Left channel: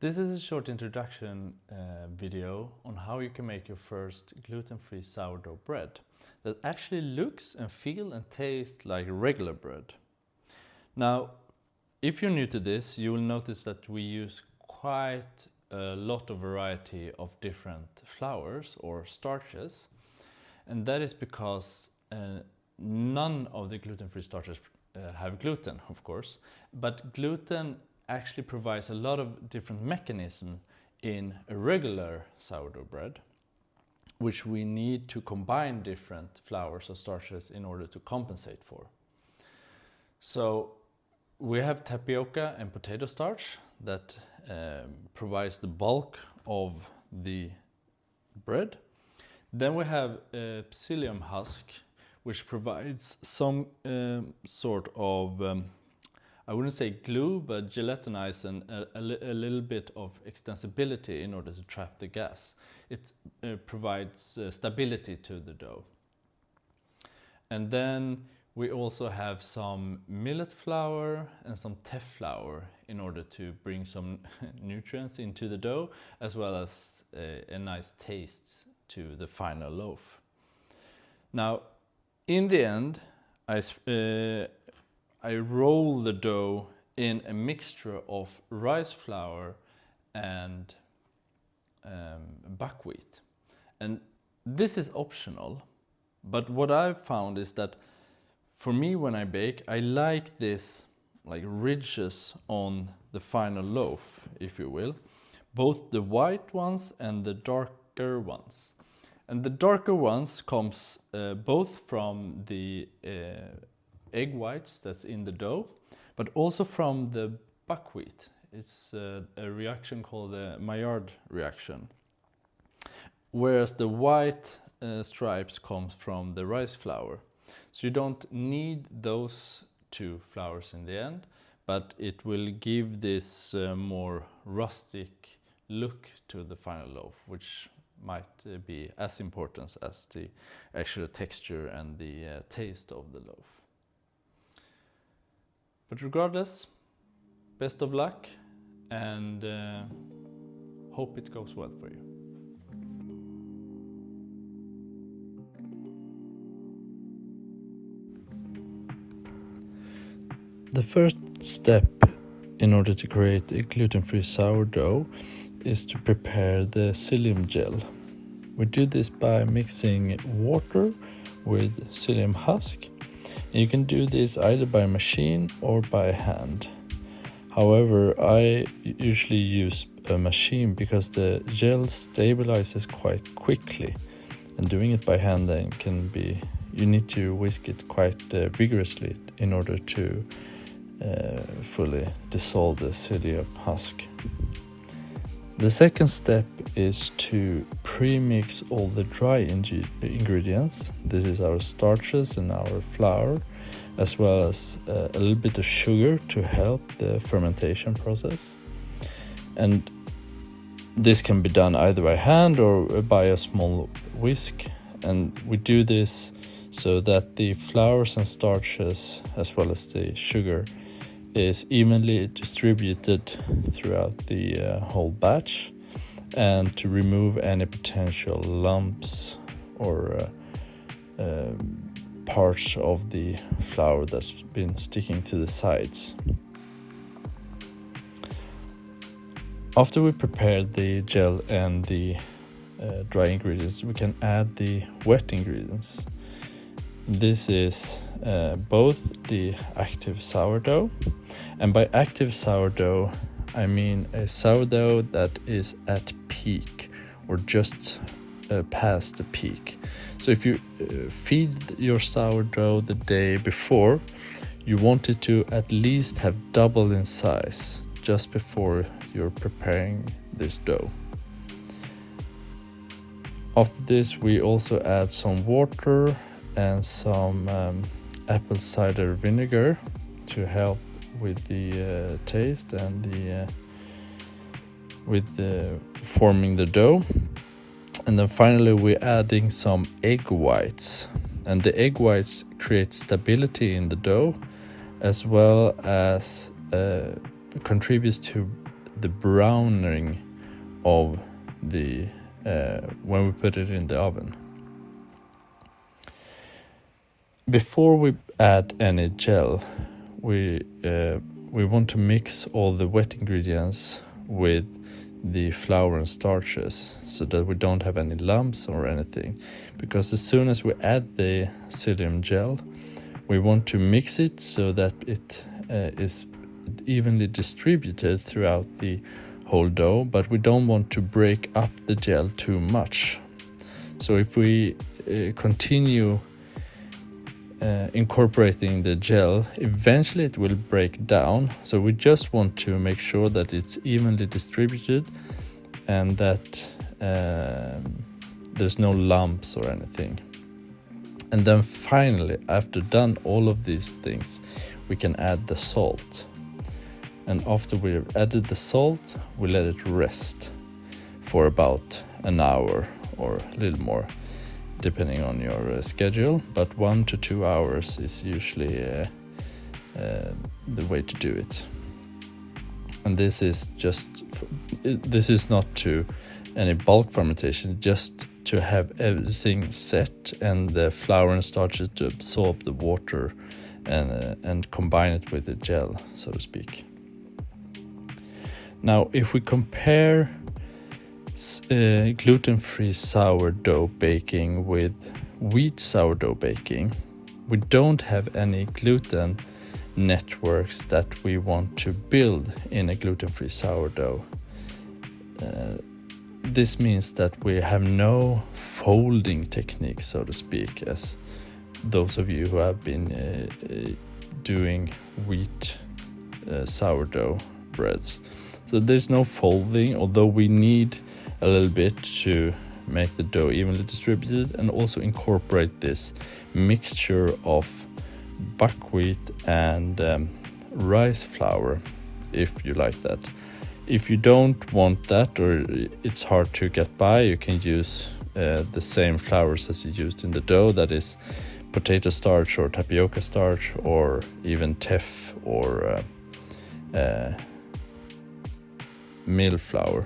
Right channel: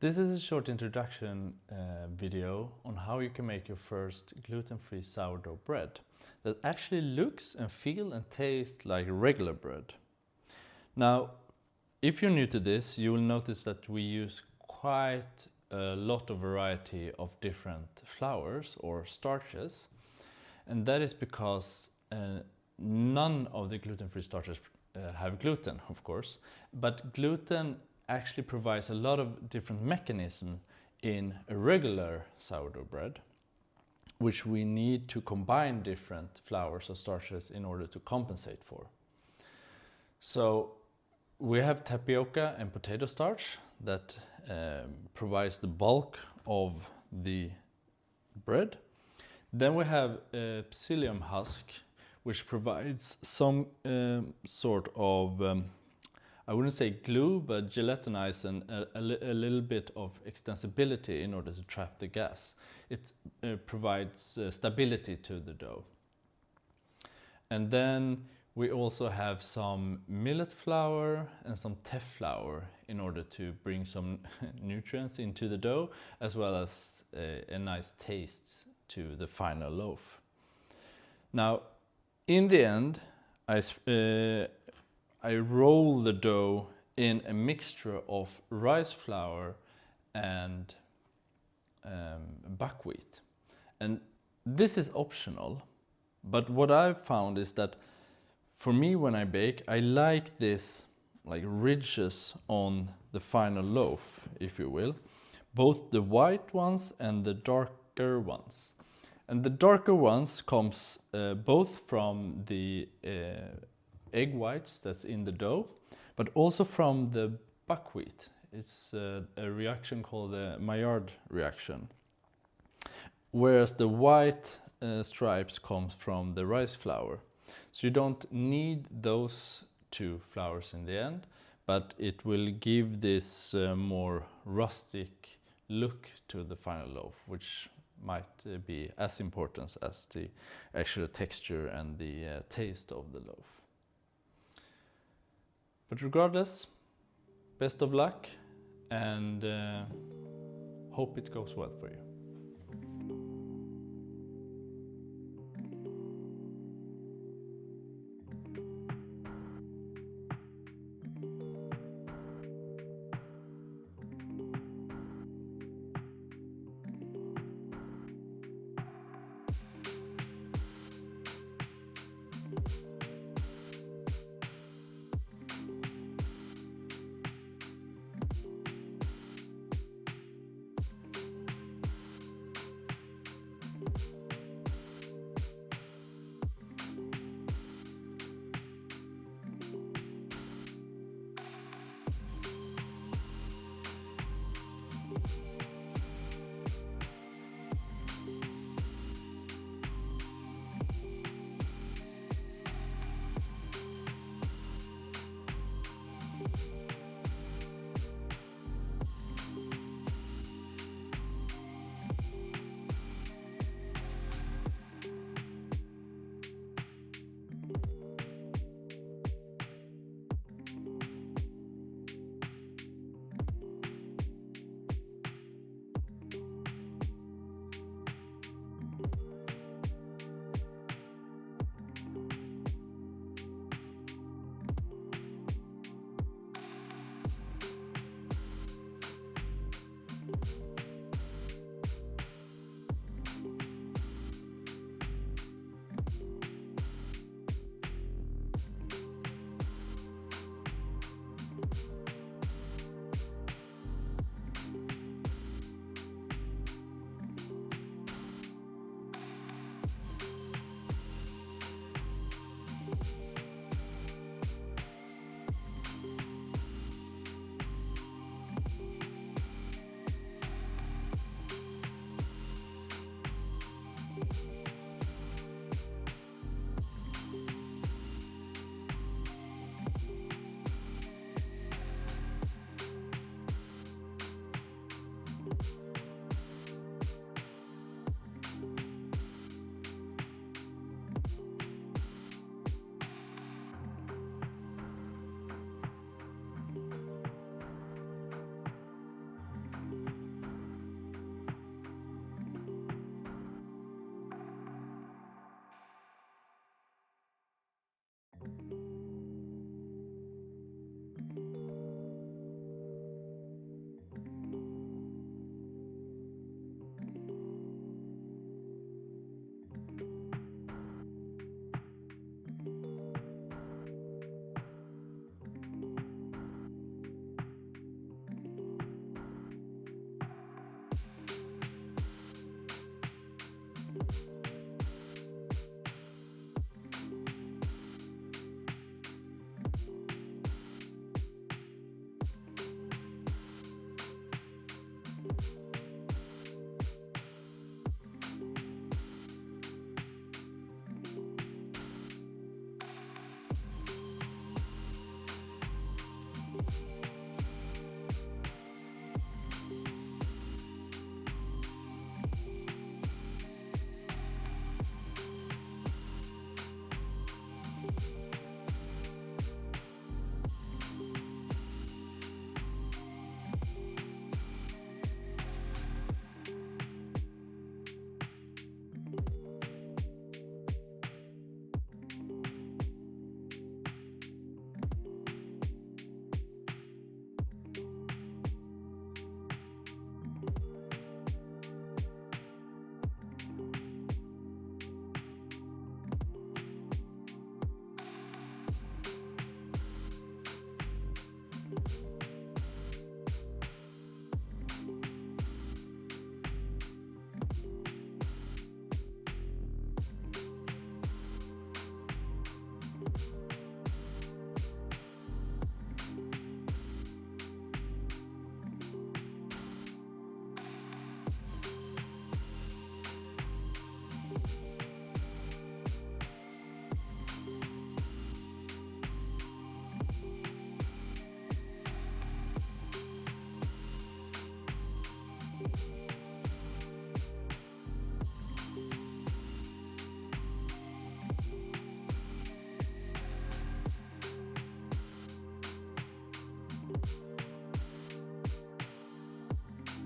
This is a short introduction video on how you can make your first gluten-free sourdough bread that actually looks and feels and tastes like regular bread. Now, if you're new to this, you will notice that we use quite a lot of variety of different flours or starches, and that is because none of the gluten-free starches have gluten, of course, but gluten actually provides a lot of different mechanisms in a regular sourdough bread, which we need to combine different flours or starches in order to compensate for. So we have tapioca and potato starch that provides the bulk of the bread. Then we have Psyllium husk, which provides some sort of I wouldn't say glue, but gelatinize and a little bit of extensibility in order to trap the gas. It provides stability to the dough. And then we also have some millet flour and some Teff flour in order to bring some nutrients into the dough, as well as a nice taste to the final loaf. Now, in the end, I roll the dough in a mixture of rice flour and buckwheat. And this is optional, but what I've found is that for me, when I bake, I like this like ridges on the final loaf, if you will, both the white ones and the darker ones. And the darker ones comes both from the egg whites that's in the dough, but also from the buckwheat. It's a reaction called the Maillard reaction. Whereas the white stripes comes from the rice flour. So you don't need those two flours in the end, but it will give this more rustic look to the final loaf, which might be as important as the actual texture and the taste of the loaf. But regardless, best of luck and hope it goes well for you. The first step in order to create a gluten-free sourdough is to prepare the psyllium gel. We do this by mixing water with psyllium husk. You can do this either by machine or by hand. However, I usually use a machine because the gel stabilizes quite quickly, and doing it by hand then you need to whisk it quite vigorously in order to fully dissolve the psyllium husk. The second step is to pre-mix all the dry ingredients. This is our starches and our flour, as well as a little bit of sugar to help the fermentation process. And this can be done either by hand or by a small whisk. And we do this so that the flours and starches, as well as the sugar, is evenly distributed throughout the whole batch, and to remove any potential lumps or parts of the flour that's been sticking to the sides. After we prepare the gel and the dry ingredients, we can add the wet ingredients. This is both the active sourdough, and by active sourdough I mean a sourdough that is at peak or just past the peak. So if you feed your sourdough the day before, you want it to at least have doubled in size just before you're preparing this dough. After this, we also add some water and some apple cider vinegar to help with the taste and forming the dough. And then finally we're adding some egg whites, and the egg whites create stability in the dough, as well as contributes to the browning of the when we put it in the oven. Before we add any gel, we want to mix all the wet ingredients with the flour and starches so that we don't have any lumps or anything, because as soon as we add the psyllium gel, we want to mix it so that it is evenly distributed throughout the whole dough, but we don't want to break up the gel too much. So if we continue incorporating the gel, eventually it will break down. So we just want to make sure that it's evenly distributed and that there's no lumps or anything. And then finally, after done all of these things, we can add the salt. And after we've added the salt, we let it rest for about an hour or a little more, depending on your schedule, but 1 to 2 hours is usually the way to do it. And this is not to any bulk fermentation, just to have everything set and the flour and starches to absorb the water and combine it with the gel, so to speak. Now, if we compare gluten-free sourdough baking with wheat sourdough baking, we don't have any gluten networks that we want to build in a gluten-free sourdough. This means that we have no folding technique, so to speak, as those of you who have been doing wheat sourdough breads. So there's no folding, although we need a little bit to make the dough evenly distributed and also incorporate this mixture of buckwheat and rice flour, if you like that. If you don't want that, or it's hard to get by, you can use the same flours as you used in the dough, that is potato starch or tapioca starch, or even teff or millet flour.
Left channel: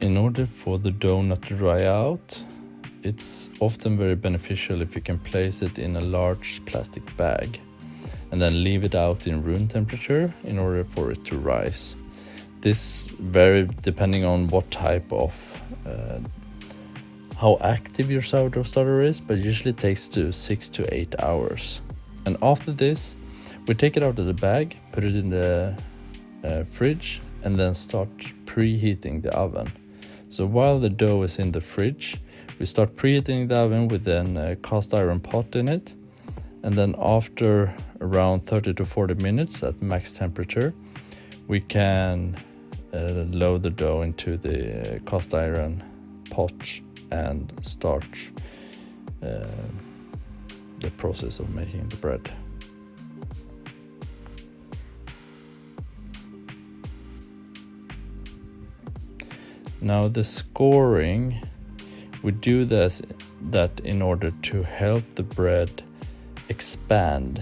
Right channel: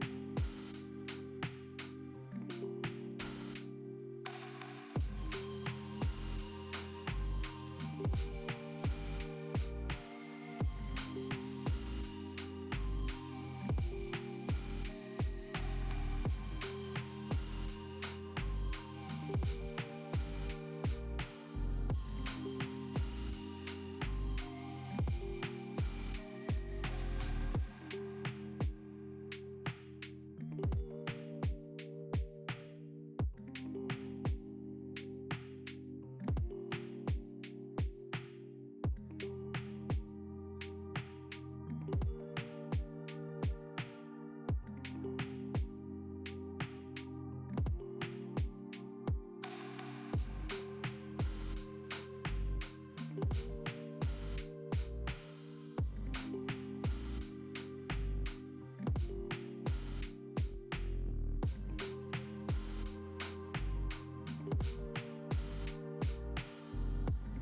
In order for the dough not to dry out, it's often very beneficial if you can place it in a large plastic bag and then leave it out in room temperature in order for it to rise. This varies depending on what type of how active your sourdough starter is, but usually takes 6 to 8 hours. And after this, we take it out of the bag, put it in the fridge, and then start preheating the oven. So while the dough is in the fridge, we start preheating the oven with a cast iron pot in it, and then after around 30 to 40 minutes at max temperature, we can load the dough into the cast iron pot and start the process of making the bread. Now the scoring, we do that in order to help the bread expand